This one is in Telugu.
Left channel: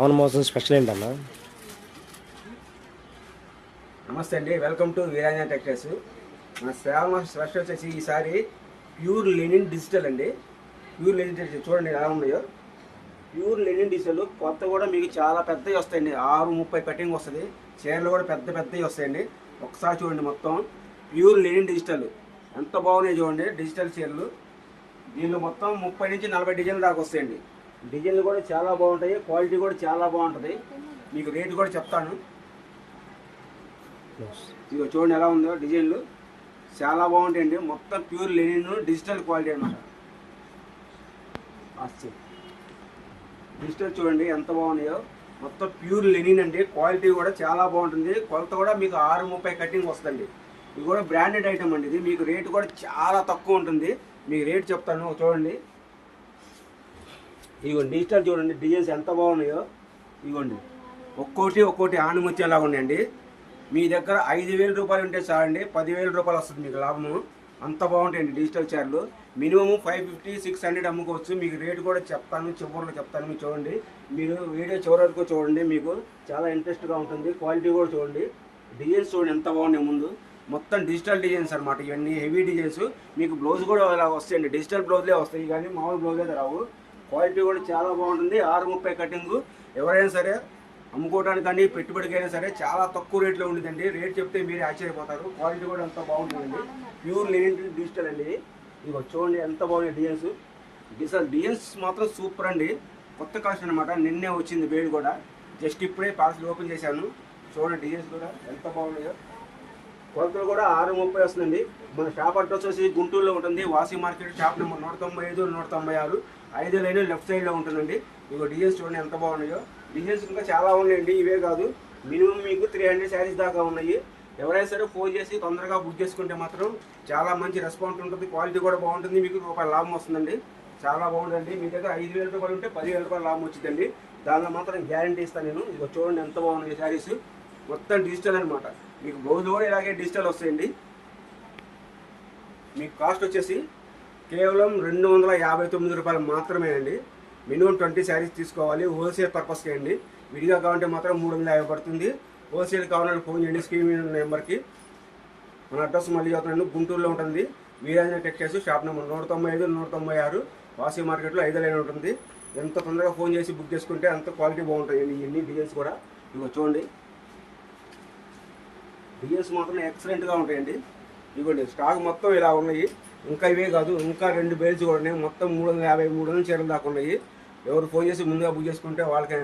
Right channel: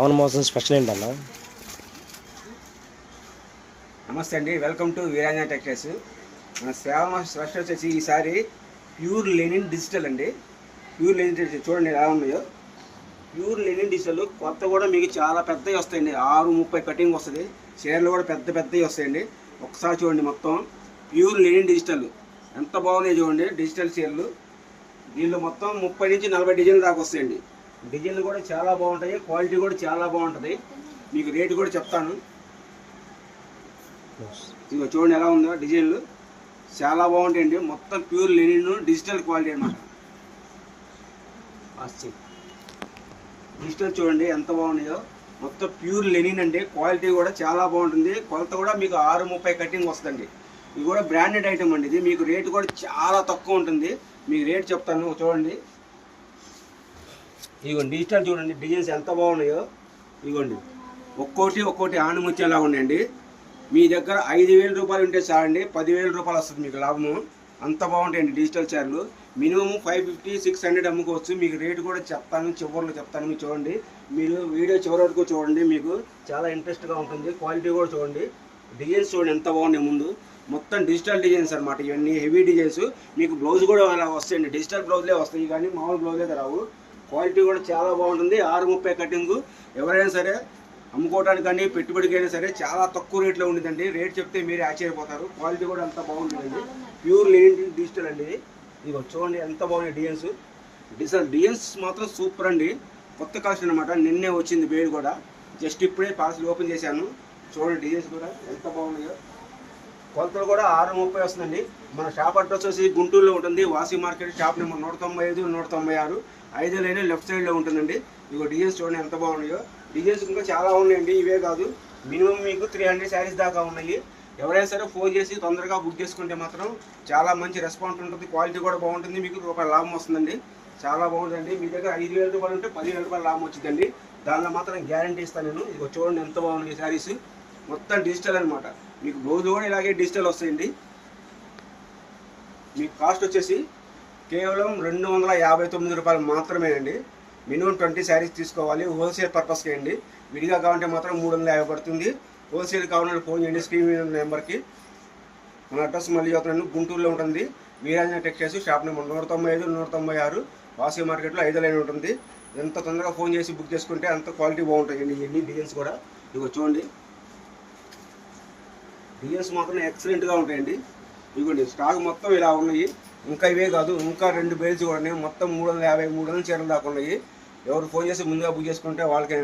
శ్రావణ మాసం స్పెషల్ ఏంటన్నా? నమస్తే అండి, వెల్కమ్ టు వీరాంజన టెక్స్టైల్స్. మన శ్రావణ మాసం స్పెషల్ వచ్చేసి ఈసారి ప్యూర్ లెనిన్ డిజిటల్ అండి. ప్యూర్ లెనిన్ డిజిటల్ చూడండి ఎలా ఉన్నాయో. ప్యూర్ లెనిన్ డిజిటల్ కొత్త కూడా మీకు చాలా పెద్దవి వస్తాయండి. 6:30 కటింగ్ వస్తుంది. చీరలు కూడా పెద్దవి వస్తాయండి. ఒకసారి చూడండి, మొత్తం ప్యూర్ లెనిన్ డిజిటల్ ఎంత బాగున్నాయి చూడండి. డిజిటల్ చీరలు దీనిలో మొత్తం 30 నుంచి 40 డిజైన్లు దాకా వస్తాయండి. డిజైన్లు కూడా చాలా బాగుంటాయి, క్వాలిటీ కూడా చాలా బాగుంటుంది. మీకు రేటు కూడా చెప్తాను. ఇక చూడండి ఎలా ఉందో, డిజైన్లు చాలా బాగుంటాయండి. మొత్తం ప్యూర్ లెనిన్ డిజిటల్ క్వాలిటీ అనమాట. డిజిటల్ చూడండి ఎంత బాగున్నాయో. మొత్తం ప్యూర్ లెనిన్ అండి. క్వాలిటీ కూడా చాలా బాగుంటుంది. కొలత కూడా మీకు 6:30 కటింగ్ వస్తుందండి. ఇది కూడా బ్రాండెడ్ ఐటమ్ అండి. ఇది మీకు రేటు కూడా చాలా తక్కువ ఉంటుంది. మీకు రేట్ చెప్తాను చూడండి. ఇదిగోండి డిజిటల్ చూడండి, డిజైన్స్ ఎంత బాగున్నాయో. ఇదిగోండి ఒక్కోటి ఆణిముత్యాలాగా ఉన్నాయండి. మీ దగ్గర 5,000 రూపాయలు ఉంటే చాలండి, 10,000 రూపాయలు వస్తుంది మీకు లాభము. అంత బాగుంటాయండి డిజిటల్ చీరలు. మినిమం 550-600 అమ్ముకోవచ్చు. మీకు రేటు కూడా చెప్తాను, చివరిలో చెప్తాను. మీకు చూడండి, మీరు వీడియో చివరి వరకు చూడండి, మీకు చాలా ఇంట్రెస్ట్గా ఉంటుంది. క్వాలిటీ కూడా చూడండి, డిజైన్స్ చూడండి ఎంత బాగున్నాయి. ముందు మొత్తం డిజిటల్ డిజైన్స్ అనమాట. ఇవన్నీ హెవీ డిజైన్స్. మీకు బ్లౌజ్ కూడా ఇలా వస్తాయండి. డిజిటల్ బ్లౌజ్లే వస్తాయి కానీ మామూలు బ్లౌజ్ అయితే రావు. క్వాలిటీ కూడా చాలా బాగుంటుంది. 6:30 కటింగ్. ఎవరైనా సరే అమ్ముకోవడానికి కానీ పెట్టుబడికైనా సరే చాలా తక్కువ రేట్లో ఉండదండి. రేట్ చెప్తే మీరే ఆశ్చర్యపోతారు. క్వాలిటీ కూడా ఎంత బాగుంటుందండి. ప్యూర్ లెనిన్ డిజిటల్ అండి. ఇదిగో చూడండి ఎంత బాగున్నాయి డిజైన్స్. డిజైన్స్ మాత్రం సూపర్ అండి. కొత్త కలెక్షన్ అనమాట. నిన్నే వచ్చింది వేడి కూడా. జస్ట్ ఇప్పుడే పార్సల్ ఓపెన్ చేశాను. చూడండి డిజైన్స్ కూడా ఎంత బాగున్నాయో. కొలతలు కూడా 6:30 వస్తుందండి. మన షాప్ అడ్రస్ వచ్చి గుంటూరులో ఉంటుంది. వాసి market, shop number 195, 196, 5 line left సైడ్లో ఉంటుందండి. ఇగో డిజైన్స్ చూడండి ఎంత బాగున్నాయో. డిజైన్స్ ఇంకా చాలా ఉన్నాయండి. ఇవే కాదు, మినిమం మీకు 300 శారీస్ దాకా ఉన్నాయి. ఎవరైనా సరే ఫోన్ చేసి తొందరగా బుక్ చేసుకుంటే మాత్రం చాలా మంచి రెస్పాన్స్ ఉంటుంది. క్వాలిటీ కూడా బాగుంటుంది. మీకు రూపాయల లాభం వస్తుందండి. చాలా బాగుంటుందండి. మీ దగ్గర 5,000 రూపాయలు ఉంటే 10,000 రూపాయల లాభం వచ్చిందండి. దానిలో మాత్రం గ్యారంటీ ఇస్తాను నేను. ఇగో చూడండి ఎంత బాగున్నాయి శారీస్. మొత్తం డిజిటల్ అనమాట. మీకు బ్లౌజ్ కూడా ఇలాగే డిజిటల్ వస్తాయండి. మీకు కాస్ట్ వచ్చేసి కేవలం 259 రూపాయలు మాత్రమే అండి. మినిమం 20 శారీస్ తీసుకోవాలి. హోల్సేల్ పర్పస్కి అండి. విడిగా కావాలంటే మాత్రం 350 పడుతుంది. హోల్సేల్ కావాలంటే ఫోన్ చేయండి స్క్రీన్ మీద నెంబర్కి. మన అడ్రస్ మళ్ళీ చెప్తున్నాను, గుంటూరులో ఉంటుంది. వీరాంజన టెక్స్టైల్స్, షాప్ నెంబర్ 195, 196, వాసి మార్కెట్లో 5 లైన్ ఉంటుంది. ఎంత తొందరగా ఫోన్ చేసి బుక్ చేసుకుంటే అంత క్వాలిటీ బాగుంటాయండి. ఇవన్నీ డిజైన్స్ కూడా ఇదిగో చూడండి. డిజైన్స్ మాత్రం ఎక్సలెంట్గా ఉంటాయండి. ఇదిగోండి స్టాక్ మొత్తం ఇలా ఉన్నాయి. ఇంకా ఇవే కాదు, ఇంకా 2 బేల్స్ కూడా ఉన్నాయి. మొత్తం 350 చీరలు దాకా ఉన్నాయి. ఎవరు ఫోన్ చేసి ముందుగా బుక్ చేసుకుంటే వాళ్ళకి